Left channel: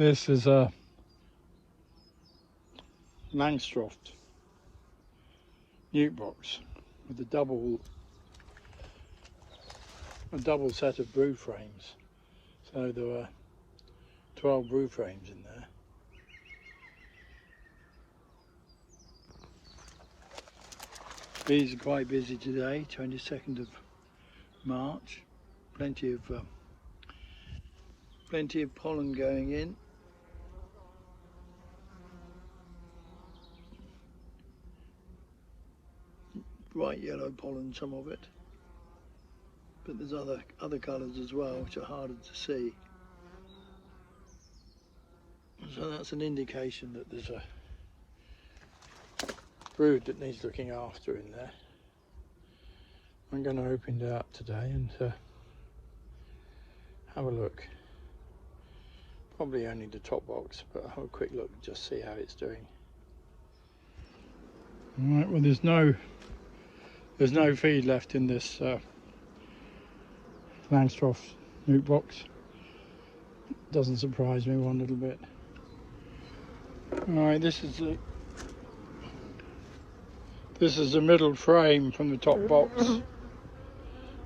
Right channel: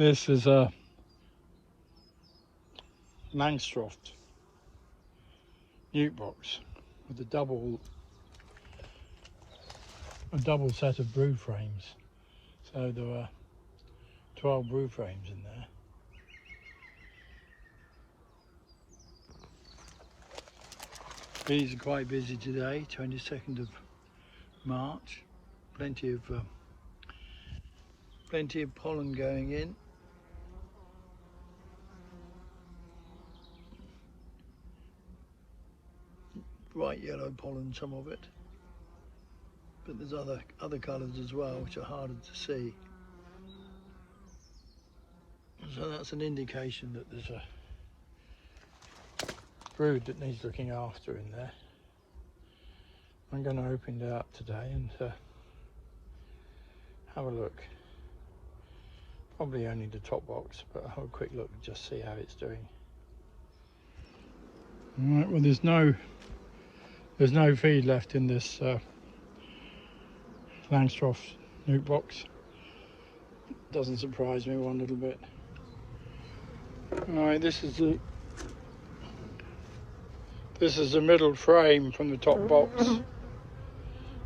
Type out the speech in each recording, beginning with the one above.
This is a Langstroth nuke box with a double set of brood frames. So there were 12 brood frames in there. Bees are quite busy today, 22nd of March. Plenty of pollen going in. Bright yellow pollen, some of it, but there's other colours as well which are harder to see. So that's an indication that there's a brood that needs looking after in there. I'm going to open it up today and have a look. Probably only the top box, but I'll have a quick look and just see how it's doing. Alright, well there's no feed left in this Langstroth nuke box. Doesn't surprise me one little bit. Alright, this is the middle frame from the top box.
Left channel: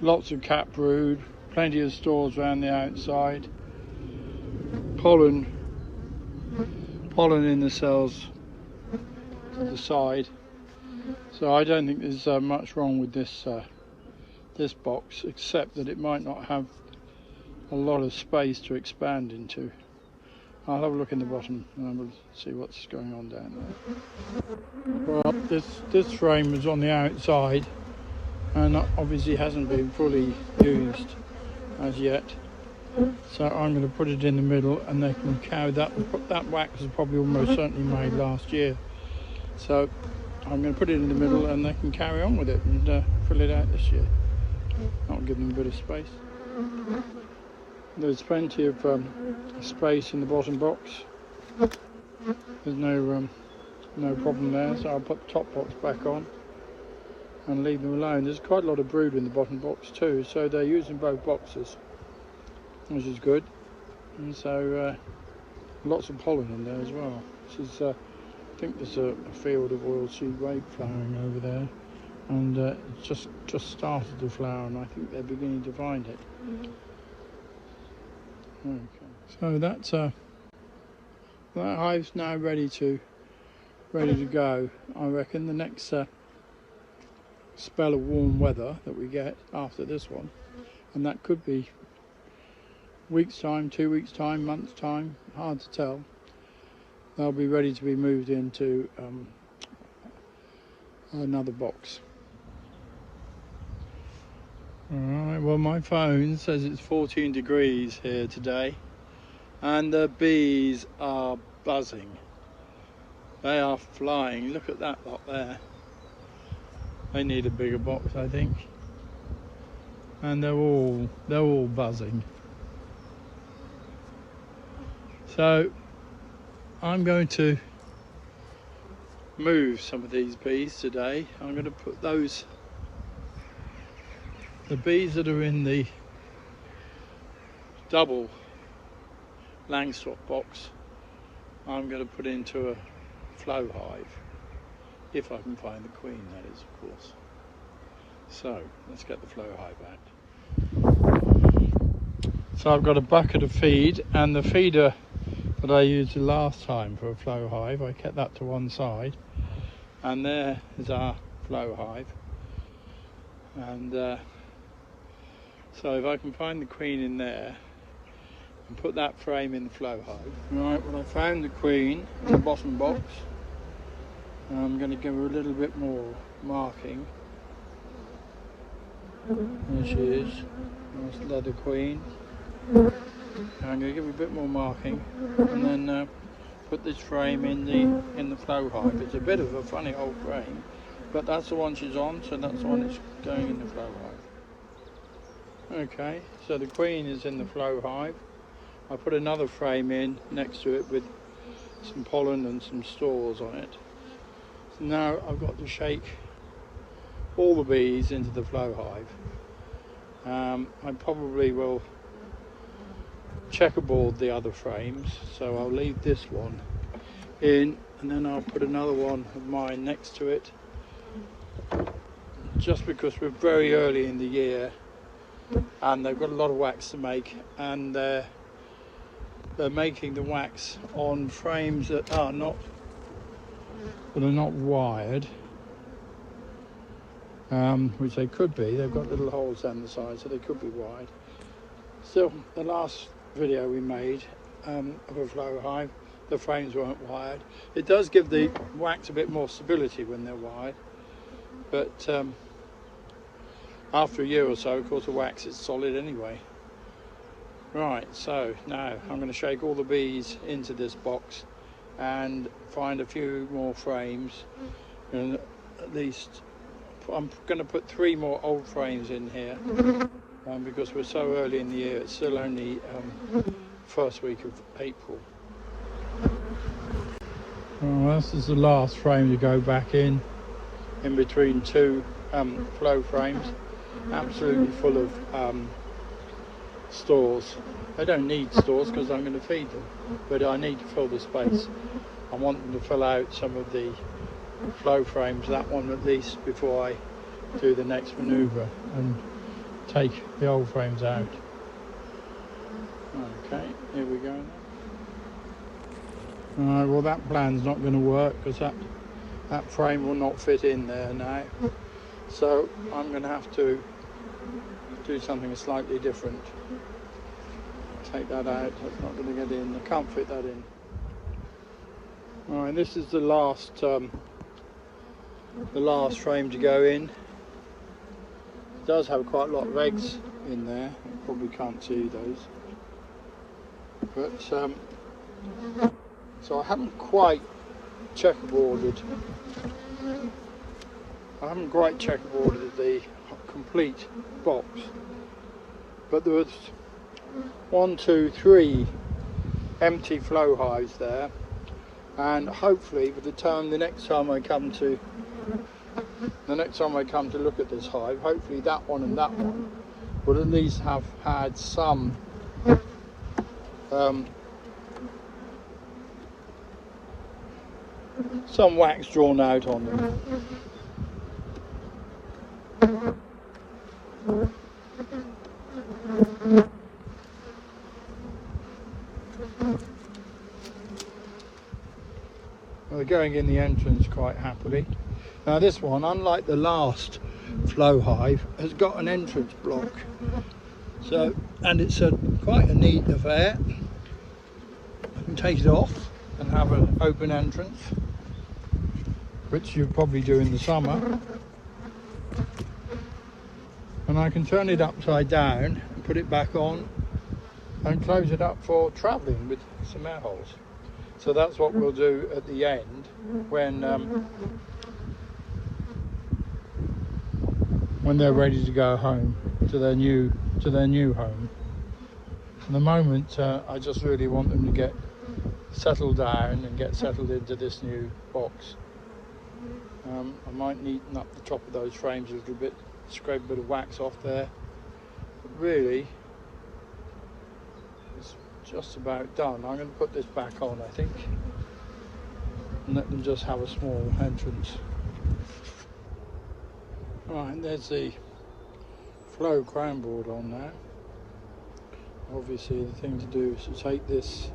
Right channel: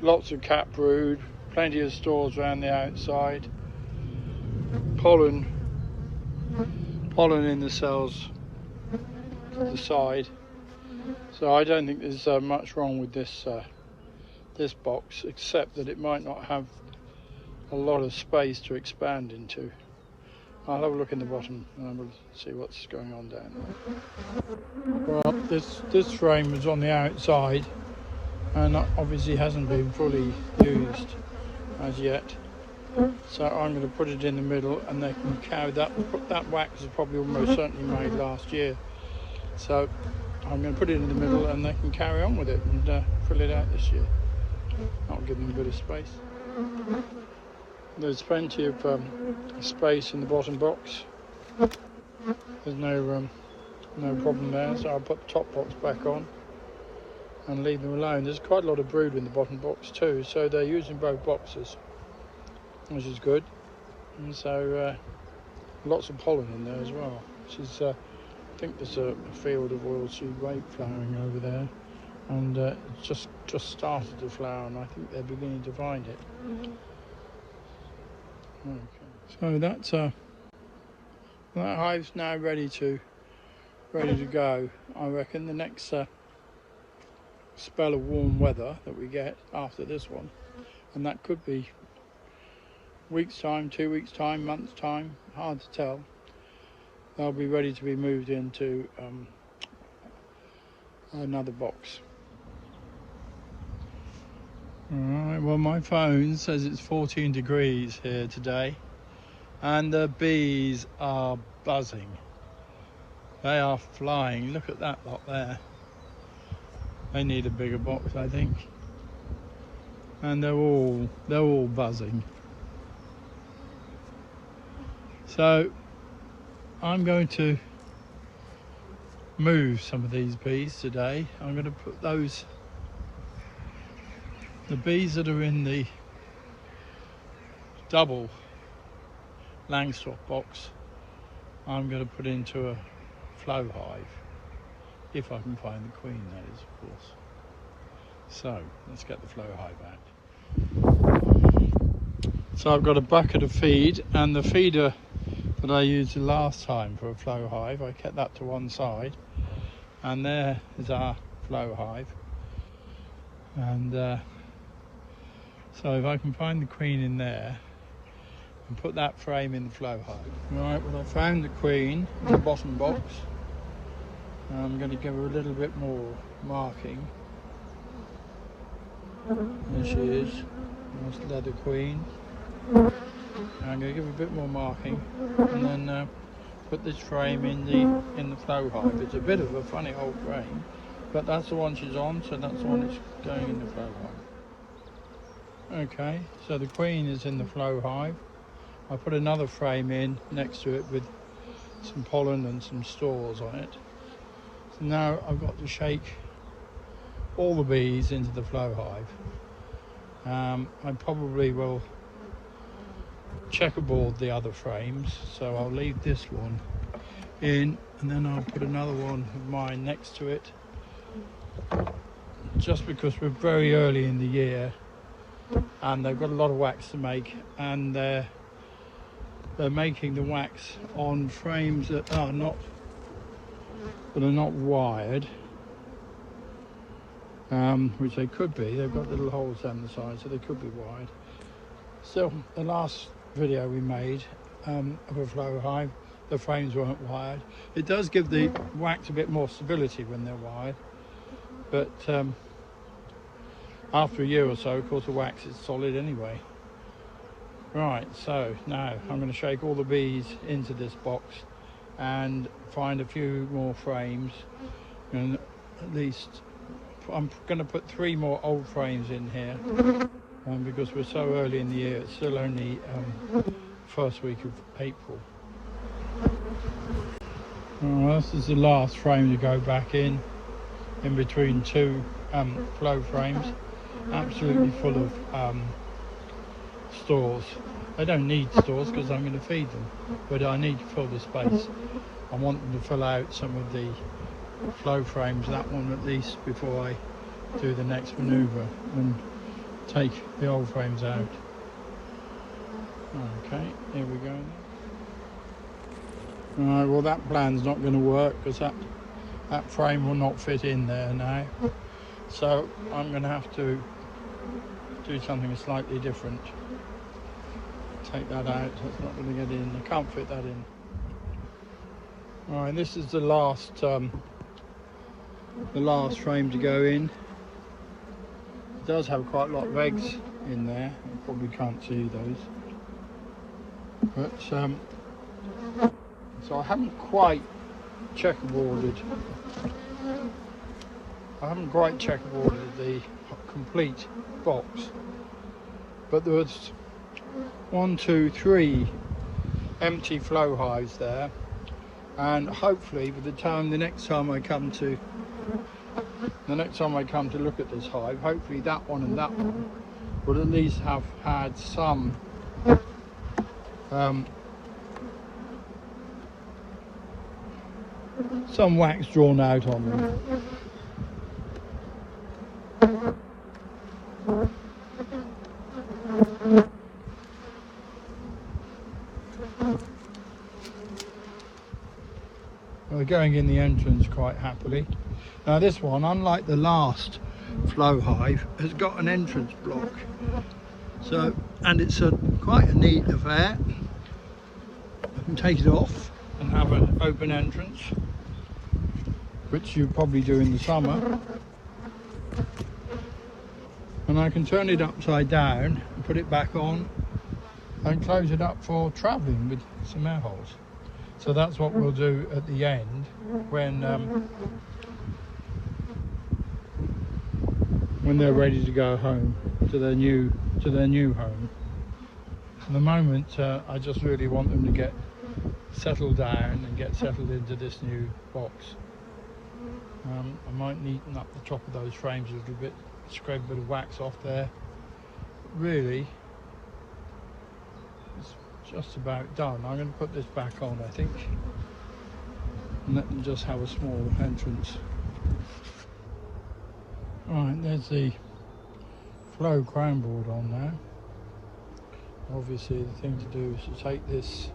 Lots of cat brood, plenty of stores around the outside. Pollen in the cells to the side. So I don't think there's much wrong with this this box, except that it might not have a lot of space to expand into. I'll have a look in the bottom and we'll see what's going on down there. Well, this frame is on the outside and obviously hasn't been fully used as yet. So I'm going to put it in the middle and they can carry that. That wax was probably almost certainly made last year. So I'm going to put it in the middle and they can carry on with it and fill it out this year. That'll give them a bit of space. There's plenty of space in the bottom box. There's no problem there, so I'll put the top box back on and leave them alone. There's quite a lot of brood in the bottom box too, so they're using both boxes, which is good. And so lots of pollen in there as well, which is I think there's a field of oilseed rape flowering over there, and it's just started to flower, and I think they're beginning to find it. Okay. So that hive's now ready to go. I reckon the next spell of warm weather that we get after this one, and that could be week's time, 2 weeks time, month's time, hard to tell. They'll be ready to be moved into another box. Alright, well my phone says it's 14 degrees here today and the bees are buzzing. They are flying. Look at that lot there. They need a bigger box, I think. And they're all buzzing. So I'm going to move some of these bees today. I'm going to put the bees that are in the double Langstroth box, I'm going to put into a Flow Hive, if I can find the queen, that is, of course. So let's get the Flow Hive out. So I've got a bucket of feed, and the feeder that I used the last time for a Flow Hive, I kept that to one side, and there is our Flow Hive. And so if I can find the queen in there and put that frame in the Flow Hive. Right, well I found the queen in the bottom box. I'm going to give her a little bit more marking. There she is. That's the leather queen. I'm going to give her a bit more marking and then put this frame in the Flow Hive. It's a bit of a funny old frame, but that's the one she's on, so that's the one that's going in the Flow Hive. Okay, so the queen is in the Flow Hive. I put another frame in next to it with some pollen and some stores on it. So now I've got to shake all the bees into the Flow Hive. I probably will checkerboard the other frames, so I'll leave this one in, and then I'll put another one of mine next to it, just because we're very early in the year and they've got a lot of wax to make, and they're making the wax on frames that are not wired, which they could be. They've got little holes down the side, so they could be wired. Still, the last video we made of a Flow Hive, the frames weren't wired. It does give the wax a bit more stability when they're wired, but after a year or so, of course, the wax is solid anyway. Right, so now I'm going to shake all the bees into this box and find a few more frames, and at least I'm going to put 3 more old frames in here, because we're so early in the year. It's still only first week of April. Well, this is the last frame to go back in between 2 flow frames, absolutely full of stores. I don't need stores because I'm going to feed them, but I need to fill the space. I want them to fill out some of the flow frames, that one at least, before I do the next manoeuvre and take the old frames out. Okay, here we go. Alright, well that plan's not going to work because that frame will not fit in there now, so I'm going to have to do something slightly different. Take that out, it's not going to get in, I can't fit that in. Alright, this is the last frame to go in. It does have quite a lot of eggs in there, you probably can't see those, but so I haven't quite checkerboarded the complete box, but there was 1, 2, 3 empty flow hives there, and hopefully by the next time I come to look at this hive, hopefully that one and that one would at least have had some wax drawn out on them. Well, they're going in the entrance quite happily. Now this one, unlike the last flow hive, has got an entrance block. So, and it's quite a neat affair. I can take it off and have an open entrance, which you probably do in the summer. And I can turn it upside down and put it back on and close it up for travelling with some air holes. So that's what we'll do at the end when they're ready to go home to their new home. For the moment, I just really want them to get settled down and get settled into this new box. I might neaten up the top of those frames a little bit, scrape a bit of wax off there. Really, it's just about done. I'm going to put this back on, I think, and let them just have a small entrance. Right, there's the flow crown board on now. Obviously the thing to do is to take this,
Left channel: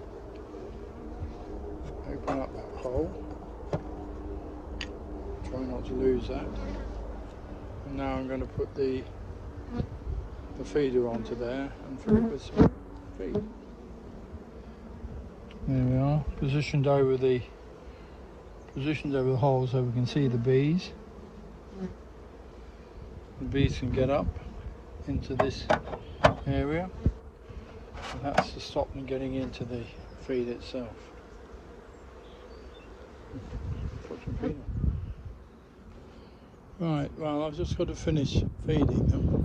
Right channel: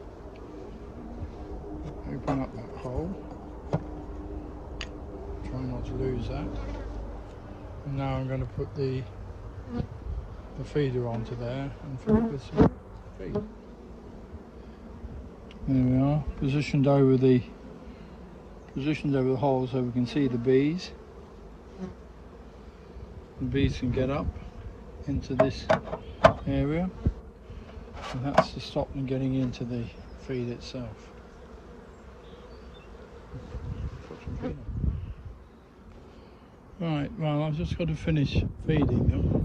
open up that hole, try not to lose that. And now I'm going to put the feeder onto there and fill it with some feed. There we are, positioned over the hole so we can see the bees. The bees can get up into this area, and that's to stop them getting into the feed itself. Right, well, I've just got to finish feeding them.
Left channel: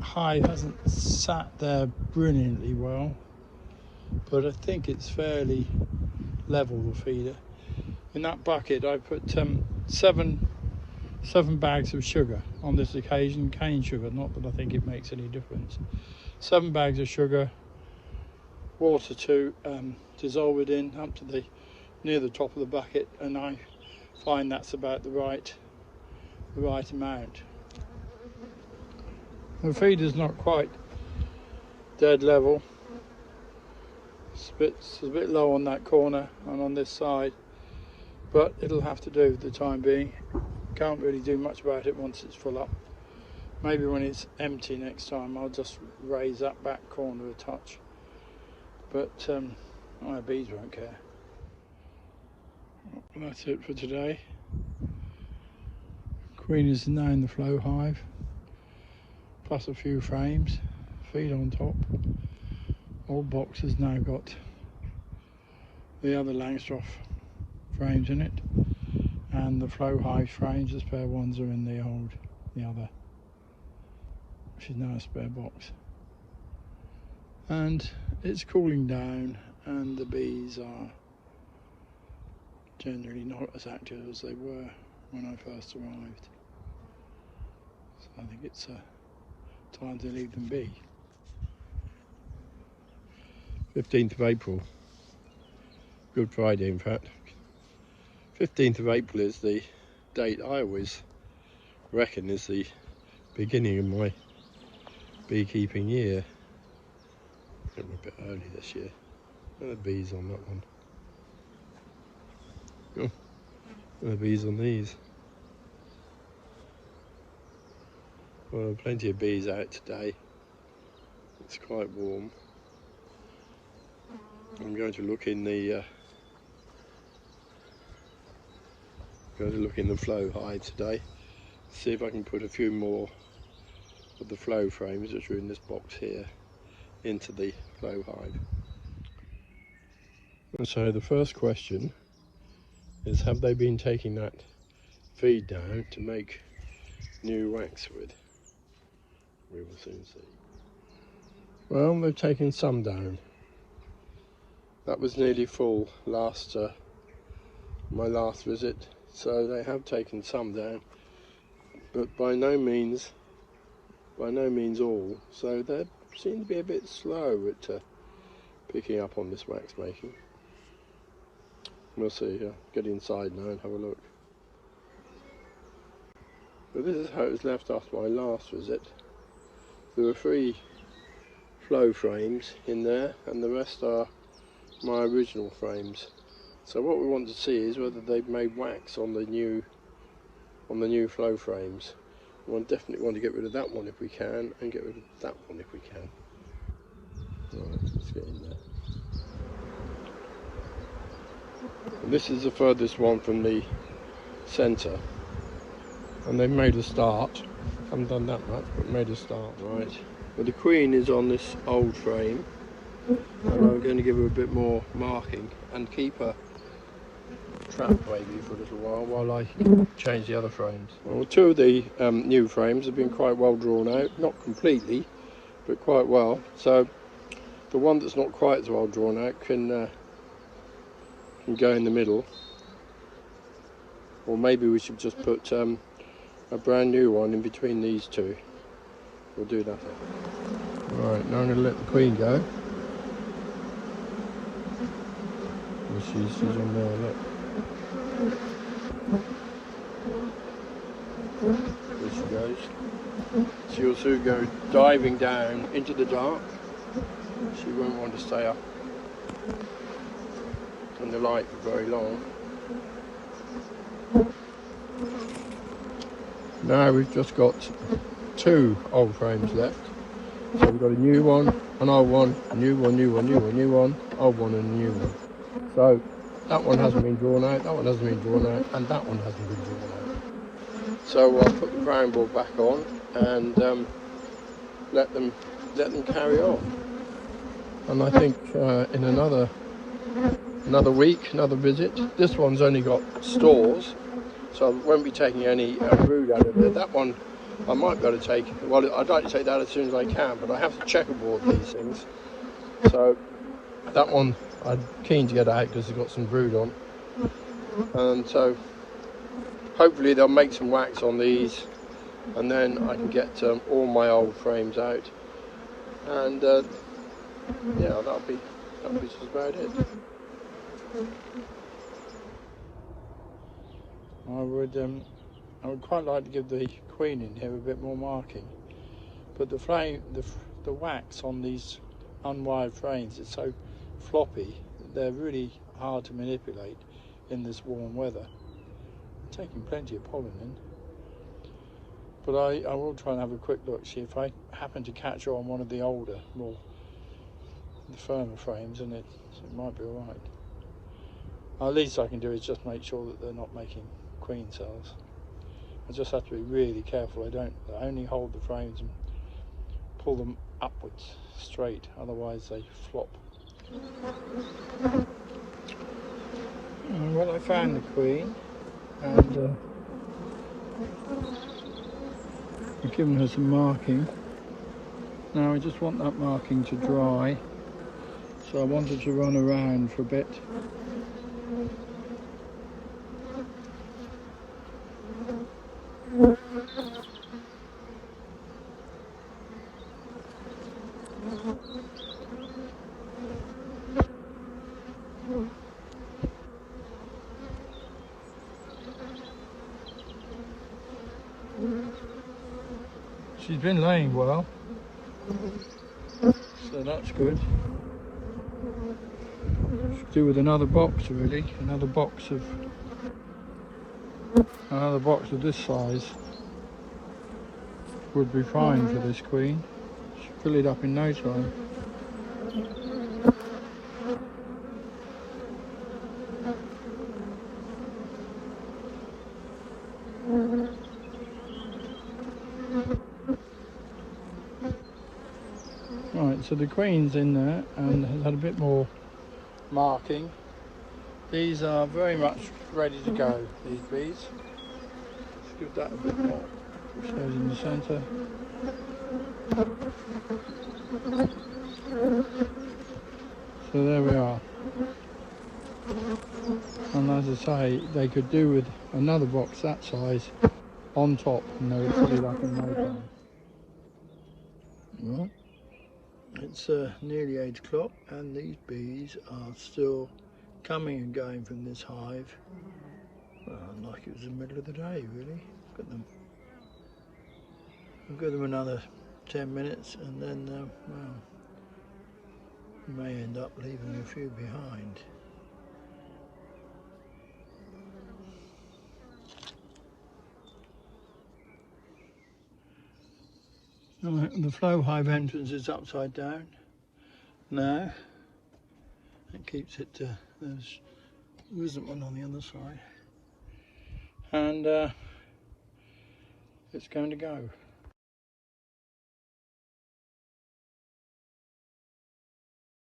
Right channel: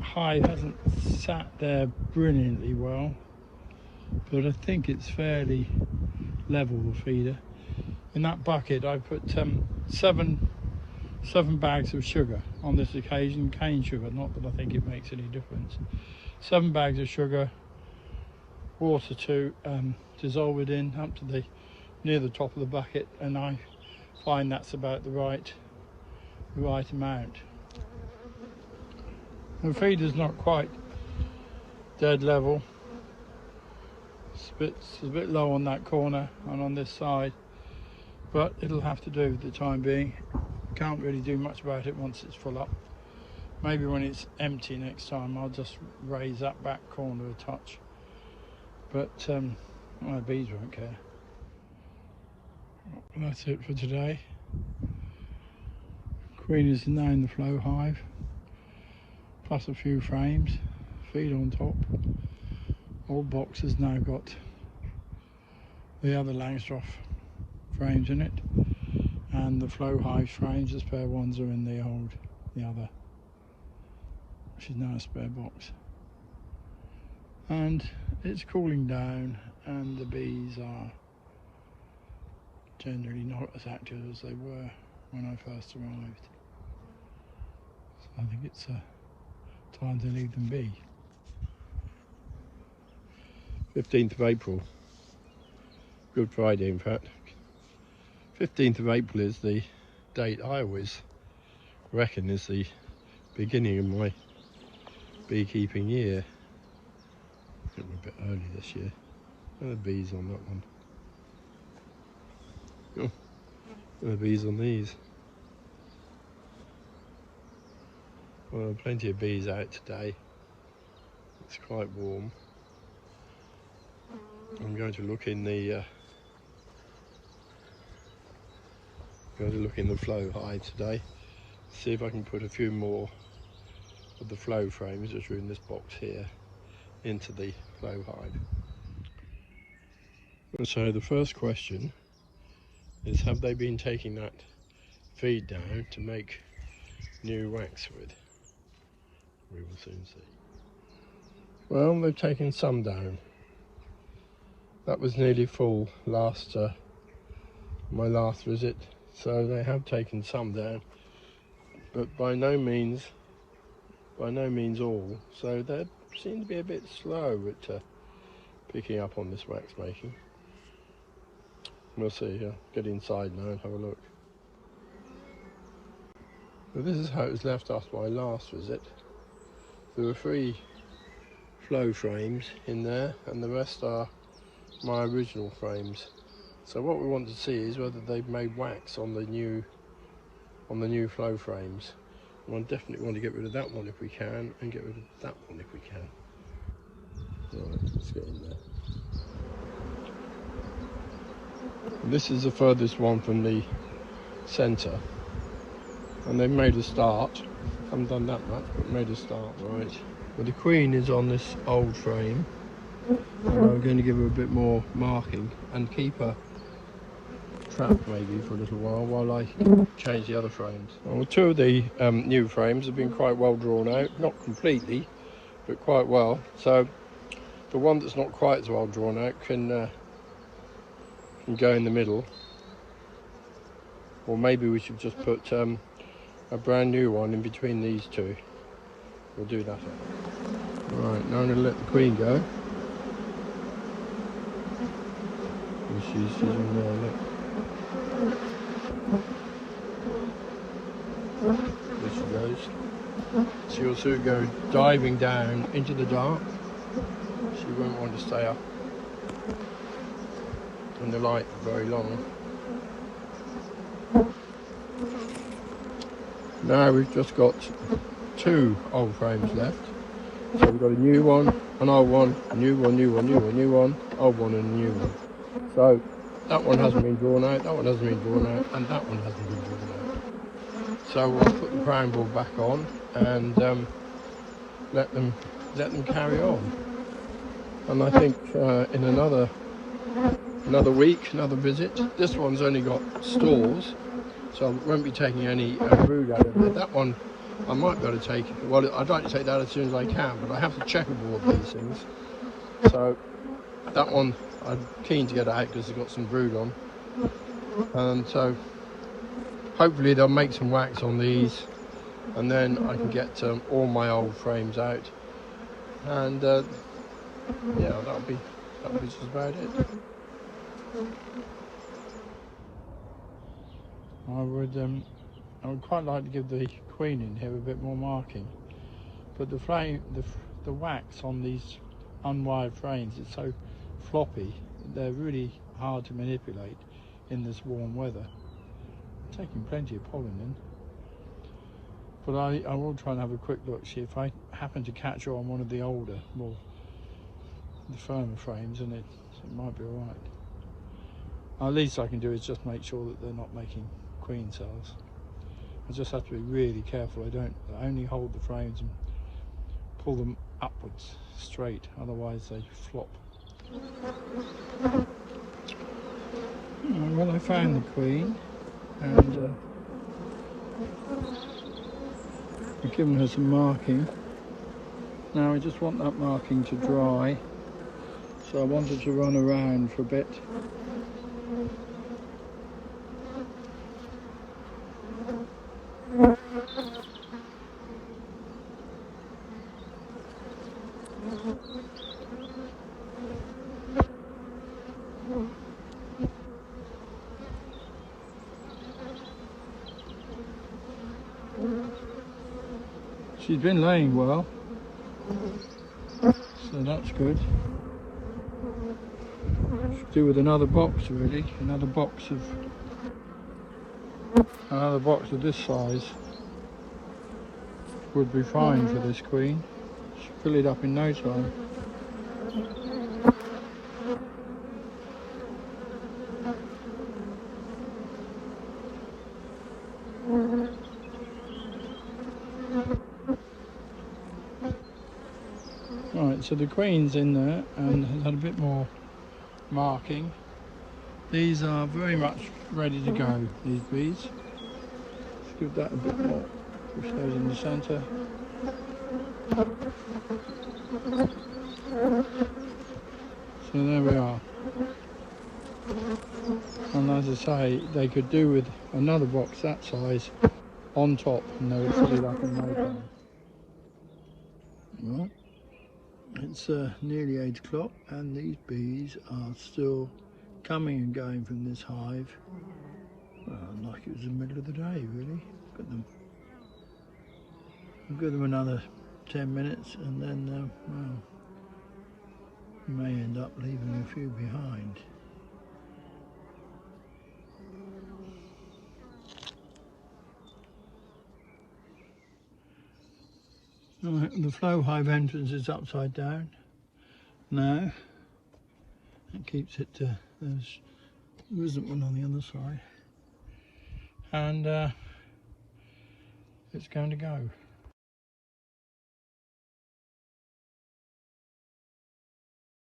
Hive hasn't sat there brilliantly well, but I think it's fairly level, the feeder. In that bucket I put 7 bags of sugar on this occasion, cane sugar, not that I think it makes any difference. 7 bags of sugar, water to dissolve it in up to the near the top of the bucket, and I find that's about the right amount. The feed is not quite dead level. It's a bit low on that corner and on this side, but it'll have to do for the time being. Can't really do much about it once it's full up. Maybe when it's empty next time I'll just raise that back corner a touch, but my bees won't care. And that's it for today. Queen is now in the Flow Hive, plus a few frames, feed on top. All boxes now got the other Langstroth frames in it, and the Flow Hive frames, the spare ones, are in the other, which is now a spare box. And it's cooling down, and the bees are generally not as active as they were when I first arrived. So I think it's time to leave them be. 15th of April, Good Friday in fact. 15th of April is the date I always reckon is the beginning of my beekeeping year. I think we're a bit early this year. Where are the bees on that one? Oh, where are the bees on these? Well, plenty of bees out today. It's quite warm. I'm going to look in the Flow Hive today. See if I can put a few more of the flow frames, which are in this box here, into the Flow Hive. And so the first question is, have they been taking that feed down to make new wax with? We will soon see. Well, they've taken some down. That was nearly full my last visit, so they have taken some down, but by no means all. So they seem to be a bit slow at picking up on this wax making. We'll see. Get inside now and have a look. So this is how it was left after my last visit. There were 3 flow frames in there, and the rest are my original frames. So what we want to see is whether they've made wax on the new flow frames. We definitely want to get rid of that one if we can, and get rid of that one if we can. Right, let's get in there. And this is the furthest one from the centre, and they've made a start. Haven't done that much, but made a start. Right, well, the queen is on this old frame. I'm going to give her a bit more marking and keep her trapped maybe for a little while I change the other frames. Well, 2 of the new frames have been quite well drawn out, not completely, but quite well. So the one that's not quite as well drawn out can go in the middle, or maybe we should just put a brand new one in between these 2. We'll do that. Right, now I'm going to let the queen go. She's in there, look. There she goes. She'll soon go diving down into the dark. She won't want to stay up in the light for very long. Now we've just got 2 old frames left. So we've got a new one, an old one, a new one, new one, new one, new one, old one and a new one. So that one hasn't been drawn out, that one hasn't been drawn out, and that one hasn't been drawn out. So we'll put the crown ball back on and let them carry on. And I think in another week, another visit. This one's only got stores, so I won't be taking any brood out of it. That one I might be able to take. Well, I'd like to take that as soon as I can, but I have to checkerboard these things. So that one I'm keen to get out because it's got some brood on, and so hopefully they'll make some wax on these, and then I can get all my old frames out, and yeah, This is about it. I would quite like to give the queen in here a bit more marking, but the wax on these unwired frames is so floppy, they're really hard to manipulate in this warm weather. I'm taking plenty of pollen in, but I will try and have a quick look, see if I happen to catch on one of the older, the firmer frames, and it might be alright. Well, the least I can do is just make sure that they're not making queen cells. I just have to be really careful. I only hold the frames and pull them upwards straight, otherwise they flop. Well, I found the queen, and I've given her some marking. Now I just want that marking to dry, so I wanted to run around for a bit. She's been laying well, so that's good. Should do with another box really, another box of this size would be fine for this queen. She'll fill it up in no time. Right, so the queen's in there and has had a bit more marking. These are very much ready to go, these bees. Let's give that a bit more. Push those in the centre. So there we are. And as I say, they could do with another box that size on top and they would fill it up in no time. It's nearly 8 o'clock and these bees are still coming and going from this hive. Well, like it was the middle of the day really. Look at them. I'll give them another 10 minutes and then well, we may end up leaving a few behind. Right, the Flow Hive entrance is upside down now. It keeps it there isn't one on the other side. And it's going to go.